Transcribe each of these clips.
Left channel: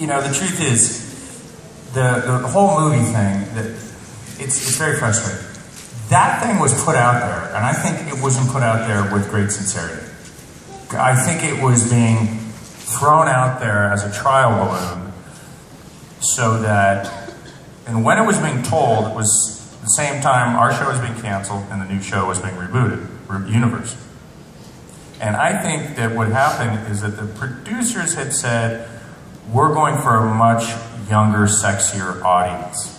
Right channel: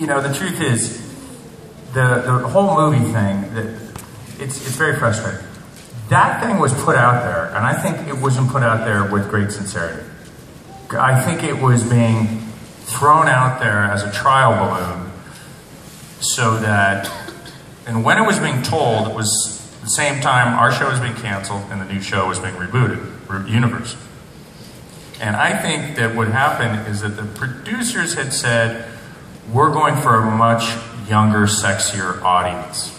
you know, the truth is, the whole movie thing, it's very frustrating. That thing was put out there, and I think it wasn't put out there with great sincerity. I think it was being thrown out there as a trial balloon so that, and when it was being told, it was the same time our show was being canceled and the new show was being rebooted, Universe. And I think that what happened is that the producers had said, we're going for a much younger, sexier audience.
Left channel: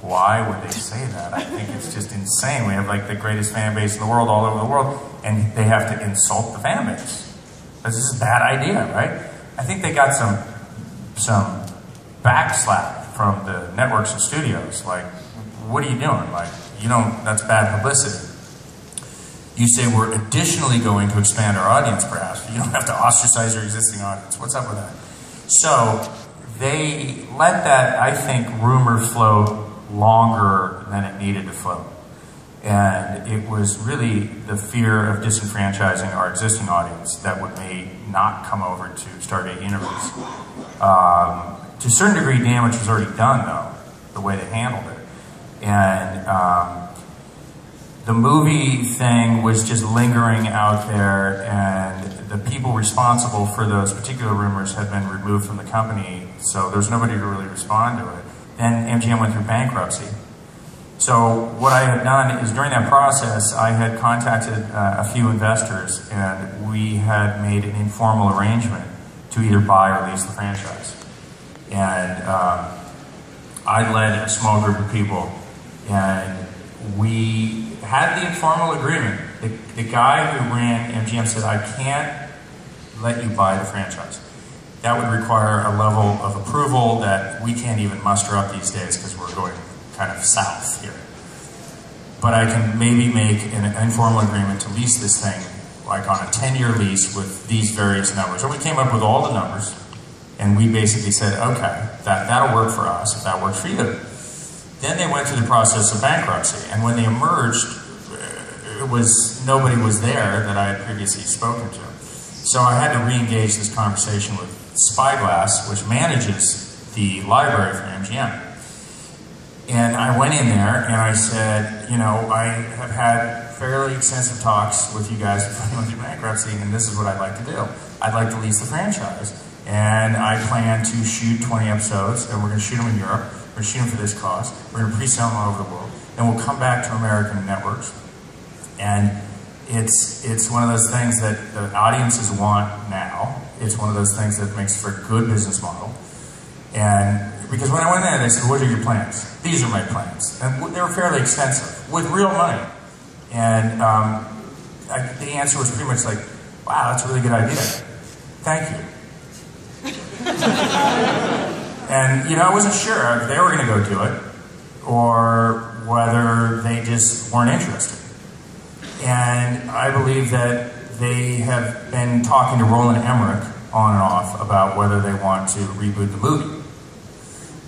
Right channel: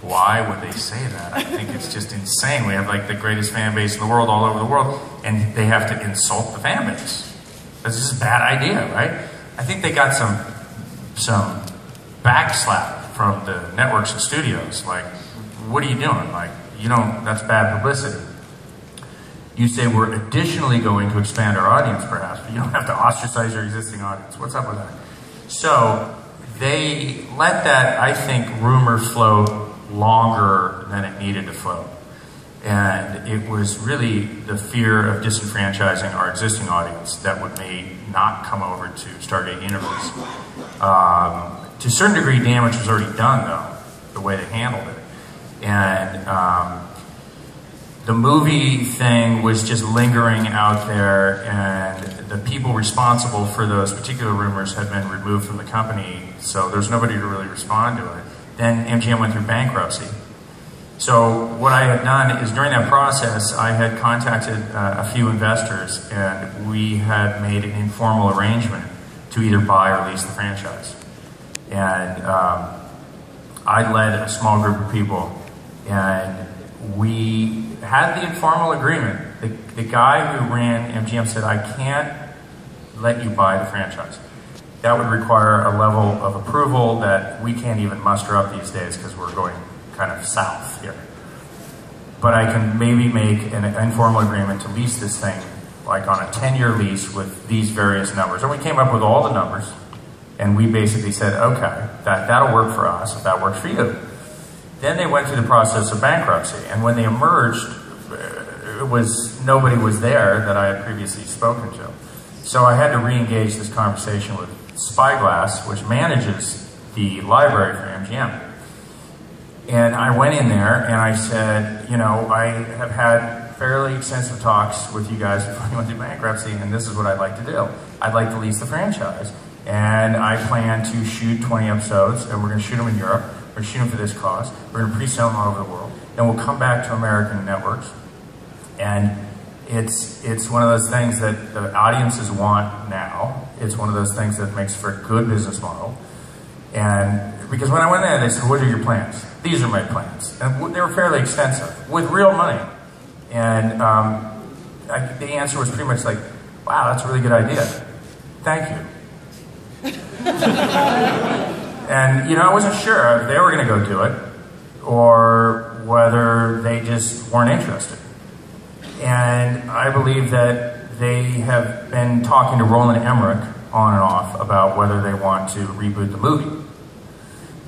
Why would they say that? I think it's just insane. We have like the greatest fan base in the world, all over the world, and they have to insult the fan base. This is a bad idea, right? I think they got some backslap from the networks and studios. Like, what are you doing? Like, you don't, that's bad publicity. You say we're additionally going to expand our audience, perhaps, but you don't have to ostracize your existing audience. What's up with that? So they let that, I think, rumor flow longer than it needed to flow. And it was really the fear of disenfranchising our existing audience that may not come over to Stargate Universe. To a certain degree, damage was already done, though, the way they handled it. And the movie thing was just lingering out there, and the people responsible for those particular rumors had been removed from the company, so there's nobody to really respond to it. Then MGM went through bankruptcy. So what I had done is during that process, I had contacted a few investors, and we had made an informal arrangement to either buy or lease the franchise. And I led a small group of people, and we had the informal agreement. The guy who ran MGM said, I can't let you buy the franchise. That would require a level of approval that we can't even muster up these days because we're going kind of south here. But I can maybe make an informal agreement to lease this thing like on a 10-year lease with these various numbers. And we came up with all the numbers, and we basically said, okay, that'll work for us if that works for you. Then they went through the process of bankruptcy, and when they emerged, nobody was there that I had previously spoken to. So I had to re-engage this conversation with Spyglass, which manages the library for MGM. And I went in there and I said, you know, I have had fairly extensive talks with you guys before you went through bankruptcy, and this is what I'd like to do. I'd like to lease the franchise, and I plan to shoot 20 episodes, and we're going to shoot them in Europe. We're going to shoot them for this cost. We're going to pre-sell them all over the world. Then we'll come back to American networks. And it's one of those things that the audiences want now. It's one of those things that makes for a good business model. And because when I went there, they said, what are your plans? These are my plans. And they were fairly extensive, with real money. And the answer was pretty much like, wow, that's a really good idea. Thank you. And, you know, I wasn't sure if they were going to go do it or whether they just weren't interested. And I believe that they have been talking to Roland Emmerich on and off about whether they want to reboot the movie.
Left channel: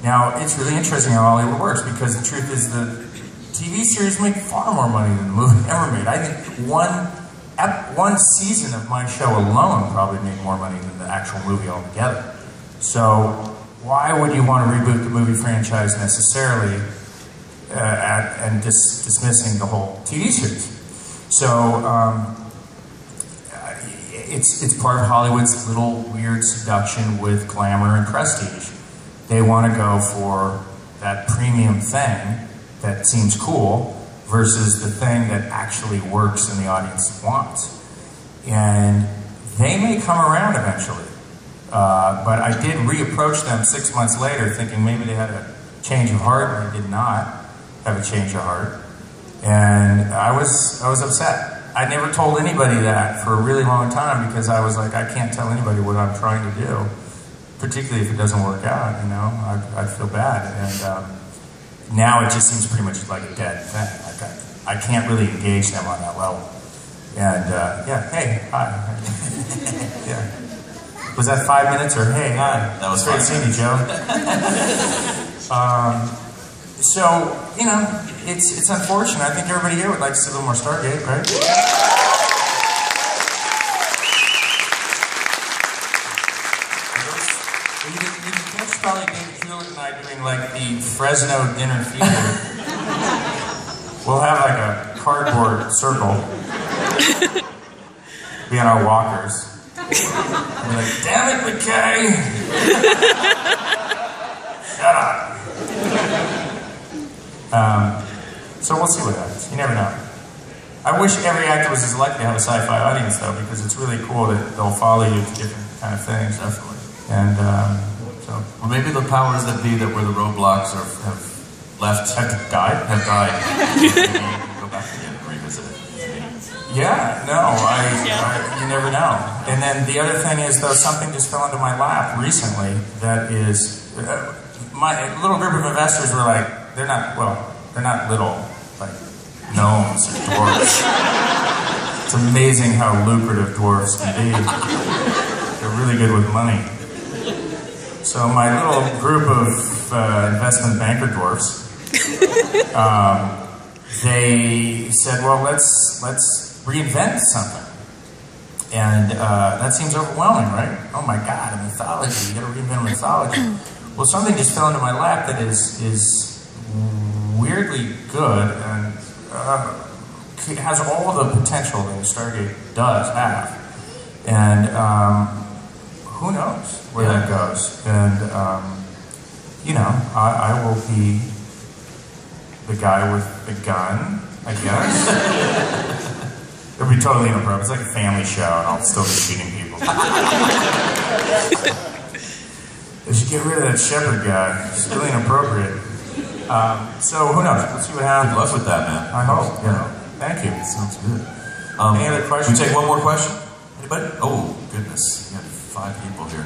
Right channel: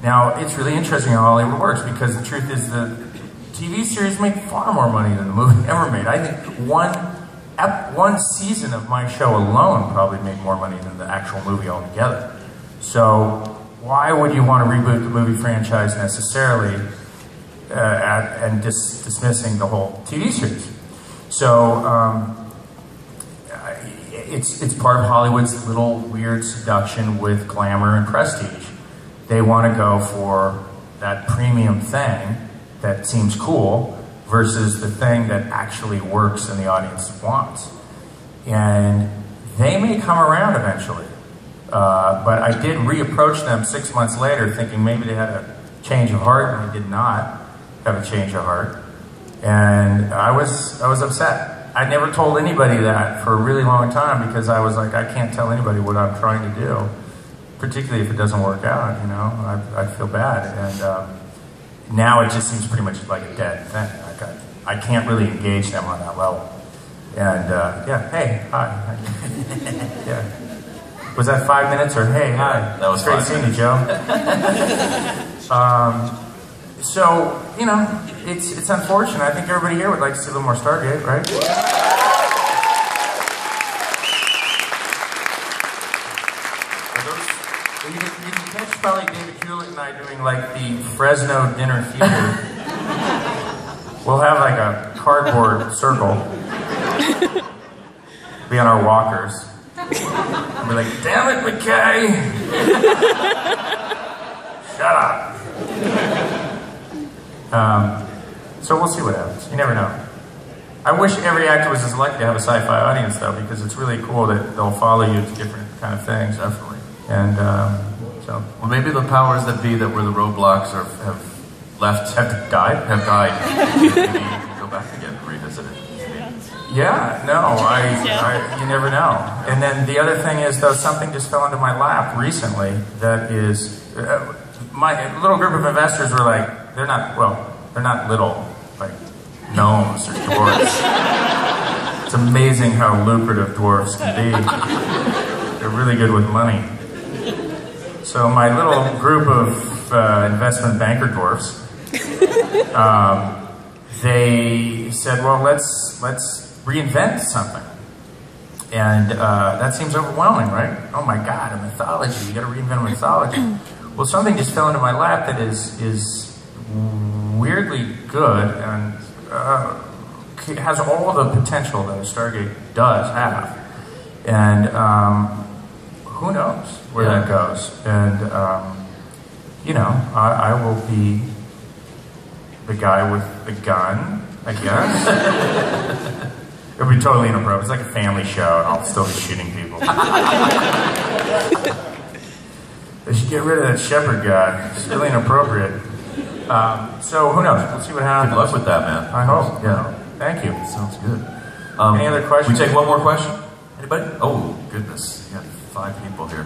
Now, it's really interesting how Hollywood works, because the truth is the TV series make far more money than the movie ever made. I think one season of my show alone probably made more money than the actual movie altogether. So why would you want to reboot the movie franchise necessarily and dismissing the whole TV series? So it's part of Hollywood's little weird seduction with glamour and prestige. They want to go for that premium thing that seems cool versus the thing that actually works and the audience wants. And they may come around eventually. But I did reapproach them 6 months later thinking maybe they had a change of heart, and they did not have a change of heart. And I was upset. I never told anybody that for a really long time, because I was like, I can't tell anybody what I'm trying to do, particularly if it doesn't work out, you know, I'd feel bad. And now it just seems pretty much like a dead thing. Like I can't really engage them on that level. And yeah, hey, hi. Yeah. Was that 5 minutes or hey, hi? That was great seeing you, Joe. So, you know, it's unfortunate. I think everybody here would like to see a little more Stargate, right? You can catch probably David Hewlett and I doing like the Fresno dinner theater. We'll have like a cardboard circle. Be on our walkers. We're like, damn it, McKay! Shut up. So we'll see what happens. You never know. I wish every actor was as lucky to have a sci-fi audience, though, because it's really cool that they'll follow you to different kind of things. Definitely. And so, well, maybe the powers that be that were the roadblocks have died. Maybe you can go back again and revisit it. Yeah, no, you never know. And then the other thing is, though, something just fell into my lap recently that is, my little group of investors were like, they're not little, like gnomes or dwarves. It's amazing how lucrative dwarves can be. They're really good with money. So my little group of investment banker dwarfs, they said, well, let's reinvent something. And that seems overwhelming, right? Oh my God, a mythology, you gotta reinvent a mythology. Well, something just fell into my lap that is weirdly good and has all the potential that a Stargate does have. And who knows where that goes. And, you know, I will be the guy with the gun, I guess. It would be totally inappropriate. It's like a family show, and I'll still be shooting people. They should get rid of that shepherd guy. It's really inappropriate. So who knows? Let's see what happens. Good luck with that, man. I hope. Yeah. Thank you. Sounds good. Any other questions? We take one more question. Anybody? Oh goodness, we got 5 people here.